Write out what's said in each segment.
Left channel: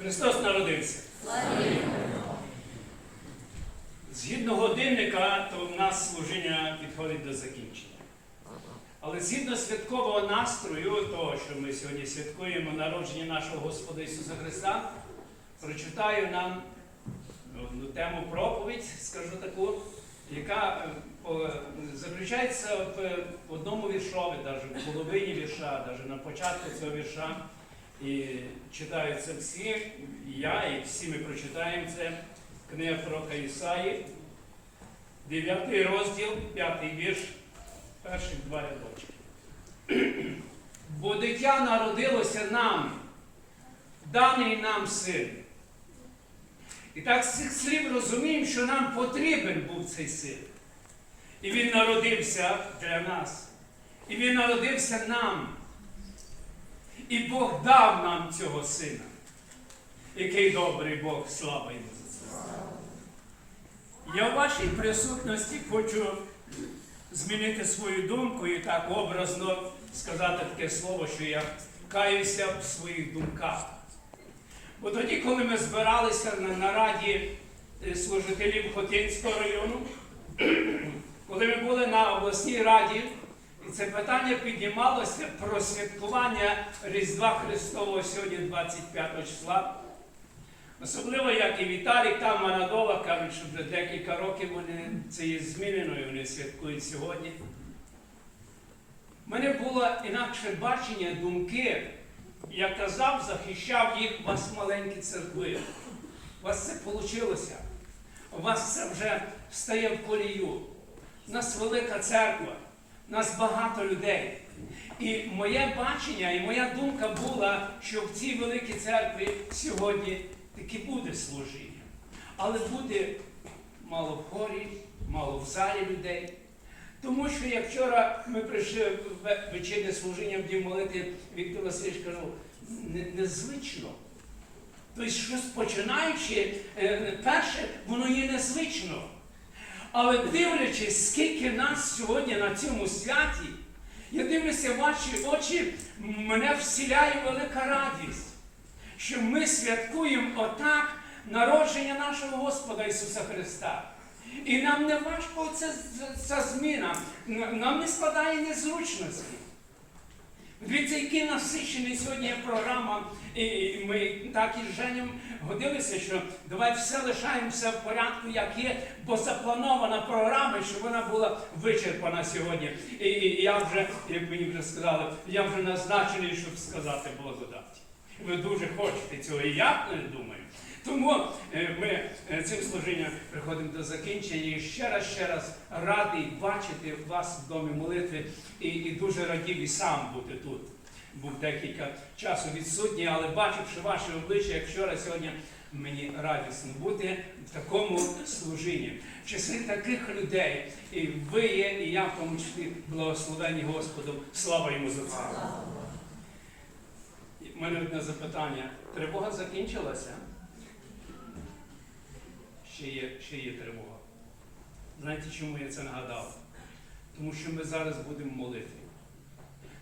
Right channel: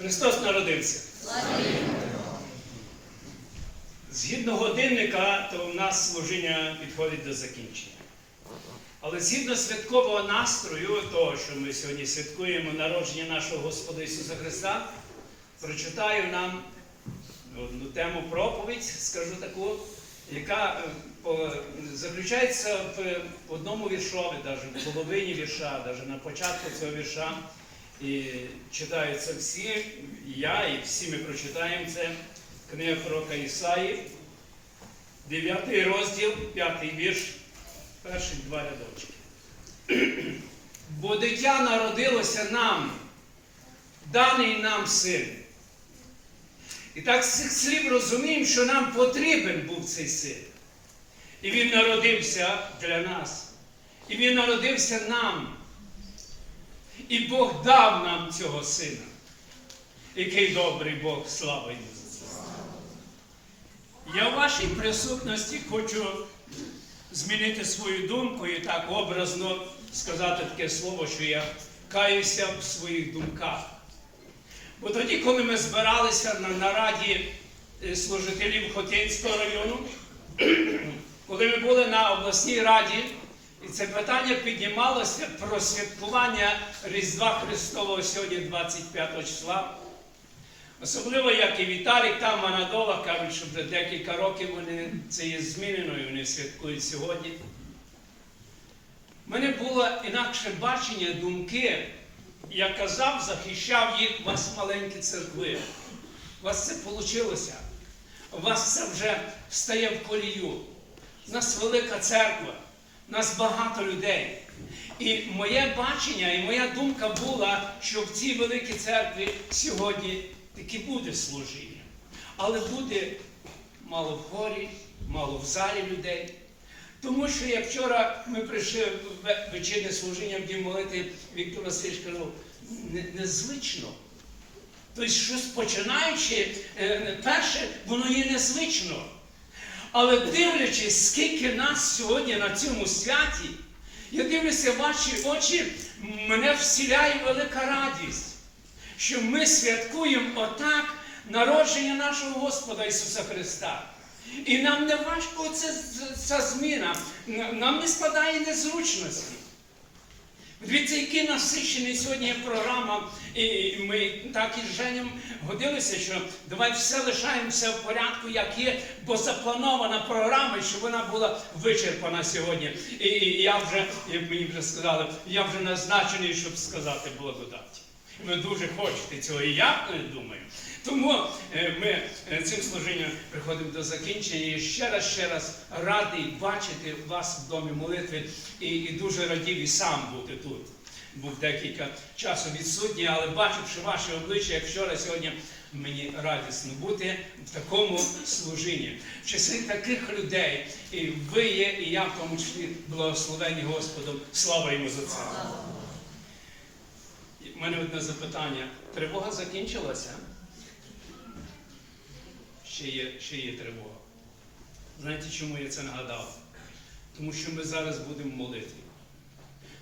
Христос народився. Згідно годинника, то в нас служіння підходить до закінчення. Але згідно святкового настрою, того, що ми сьогодні святкуємо народження нашого Господа Ісуса Христа, прочитаю нам одну тему проповідь, скажу таку, яка е, заключається в одному віршові, навіть в половині вірша, навіть на початку цього вірша. І читаються всі, я, і всі ми прочитаємо це. Книга пророка Ісаї, 9 розділ, 5 вірш, перші два рядочки. Бо дитя народилося нам, даний нам син. І так з цих слів розуміємо, що нам потрібен був цей син. І він народився для нас. І він народився нам. І Бог дав нам цього сина. Який добрий Бог, слава йому за це. Я в вашій присутності хочу змінити свою думку і так образно сказати таке слово, що я каюся в своїх думках. Бо тоді, коли ми збиралися на нараді е, служителів Хотинського району, коли ми були на обласній раді, і це питання піднімалося про святкування Різдва Христового сьогодні, 25 числа. Особливо, як і Віталік там Анадола кажуть, що вже декілька років вони це є змінено і вони святкують сьогодні. У мене було інакше бачення, думки. Я казав, захищав їх у вас маленькі церкви. У вас це вийшло. У вас це вже стає в колію. У нас велика церква, нас багато людей. І моє бачення і моя думка була, що в цій великій церкві сьогодні таки буде служіння. Але буде мало в хорі, мало в залі людей. Тому що як вчора ми прийшли в ве- вечірнє служіння в молити, Віктор Васильович казав, незвично. Тобто, щось починаючи, е, перше, воно є незвично. Але дивлячись, скільки нас сьогодні на цьому святі, я дивлюся в ваші очі, мене всіляє велика радість, що ми святкуємо отак народження нашого Господа Ісуса Христа. І нам не важко ця, зміна, нам не складає незручності. Дивіться, який насичений сьогодні програма, і ми так із Женєм годилися, що давай все лишаємося в порядку, як є, бо запланована програма, щоб вона була вичерпана сьогодні. І я вже, як мені вже сказали, я вже назначений, щоб сказати благодаті. Ви дуже хочете цього, і я е, думаю. Тому е, ми е, цим служінням приходимо до закінчення і ще раз, ще раз радий бачити вас в домі молитви і, і дуже радів і сам бути тут. Був декілька часу відсутній, але бачивши ваші обличчя, як вчора сьогодні, мені радісно бути в такому служінні. В числі таких людей, і ви є, і я в тому числі благословені Господом. Слава йому за це. У мене одне запитання. Тривога закінчилася? Ще є, ще є тривога. Знаєте, чому я це нагадав? Тому що ми зараз будемо молити.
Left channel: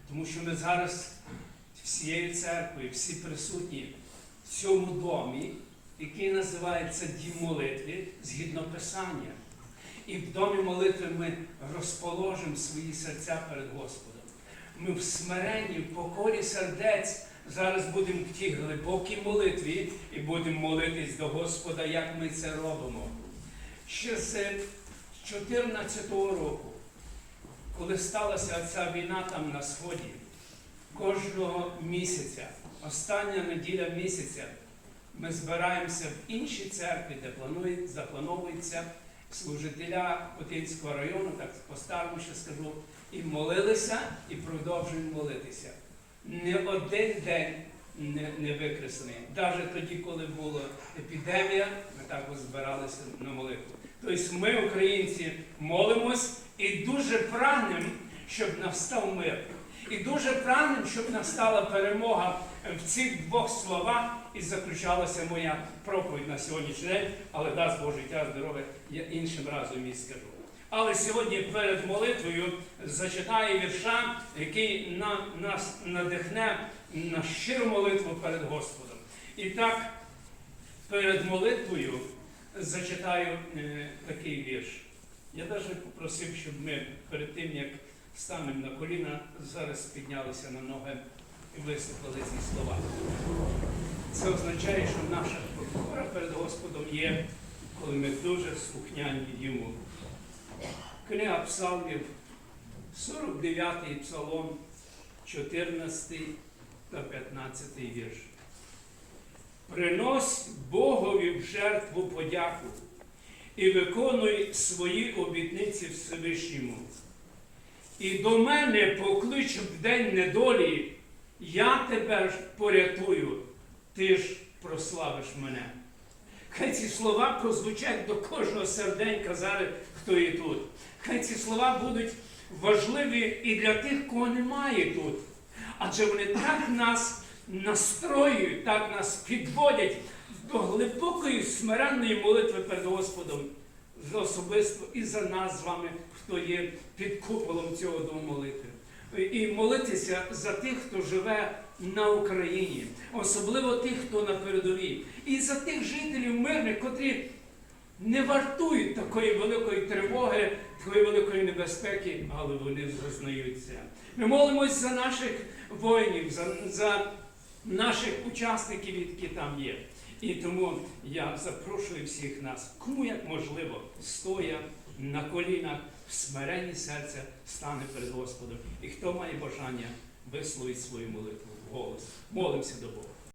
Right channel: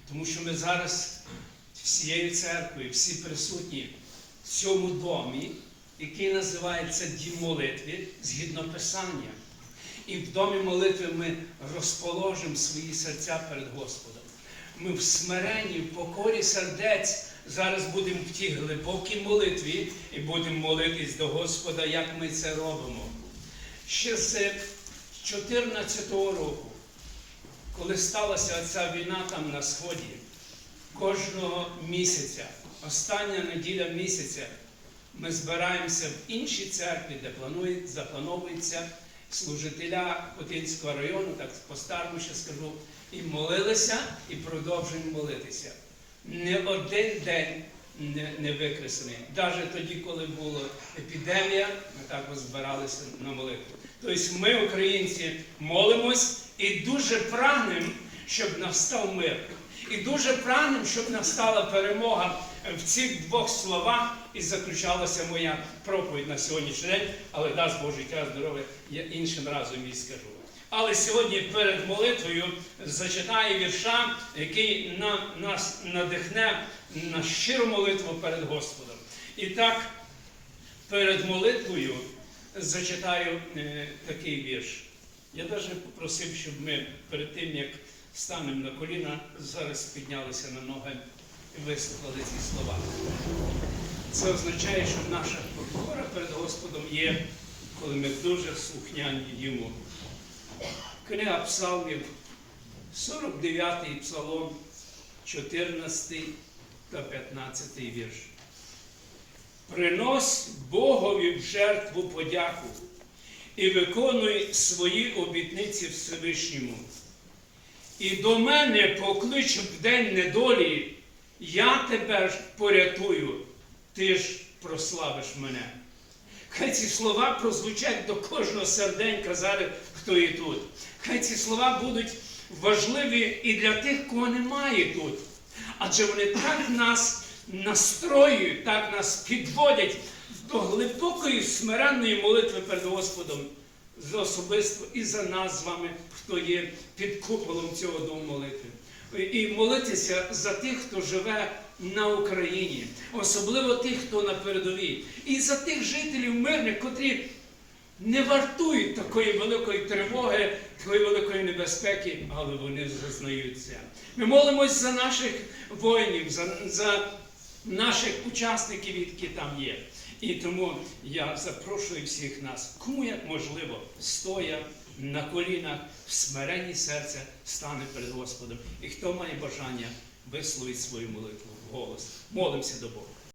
Тому що ми зараз всією церквою, всі присутні в цьому домі, який називається Дім молитви, згідно Писання. І в домі молитви ми розположимо свої серця перед Господом. Ми в смиренні, в покорі сердець зараз будемо в тій глибокій молитві і будемо молитись до Господа, як ми це робимо. Ще з 2014 року, коли сталася ця війна там на Сході, кожного місяця, остання неділя місяця, ми збираємося в іншій церкві, де планує, заплановується служителя Хотинського району, так по-старому ще скажу, і молилися, і продовжуємо молитися. Не один день не, не викреслений. Навіть тоді, коли була епідемія, ми також збиралися на молитву. Тобто ми, українці, молимось і дуже прагнемо, щоб настав мир. І дуже прагнемо, щоб настала перемога в цих двох словах і заключалася моя проповідь на сьогоднішній день, але дасть Боже життя, здоров'я, я іншим разом їй скажу. Але сьогодні перед молитвою зачитаю вірша, який на, нас надихне на щиру молитву перед Господом. І так, перед молитвою зачитаю е, такий вірш. Я навіть попросив, щоб ми перед тим, як станемо на коліна, зараз піднялися на ноги і вислухали ці слова. Це означає, що наша покора перед Господом є, коли ми дуже слухняні йому. Книга Псалмів, 49-й псалом, 14 та 15 вірш. Принось Богові в жертву подяку і виконуй свої обітниці Всевишньому. І до мене поклич в день недолі, я тебе порятую, ти ж прославиш мене. Хай ці слова прозвучать до кожного серденька зараз, хто є тут. Хай ці слова будуть важливі і для тих, кого немає тут. Адже вони так нас настроюють, так нас підводять до глибокої смиренної молитви перед Господом за особисто і за нас з вами, хто є під куполом цього дому молитви. І молитися за тих, хто живе на Україні, особливо тих, хто на передовій, і за тих жителів мирних, котрі не вартують такої великої тривоги, такої великої небезпеки, але вони зазнають це. Ми молимось за наших воїнів, за, за наших учасників, які там є. І тому я запрошую всіх нас, кому як можливо, стоя на колінах, в смиренні серця стане перед Господом. І хто має бажання висловить свою молитву в голос. Молимося до Бога.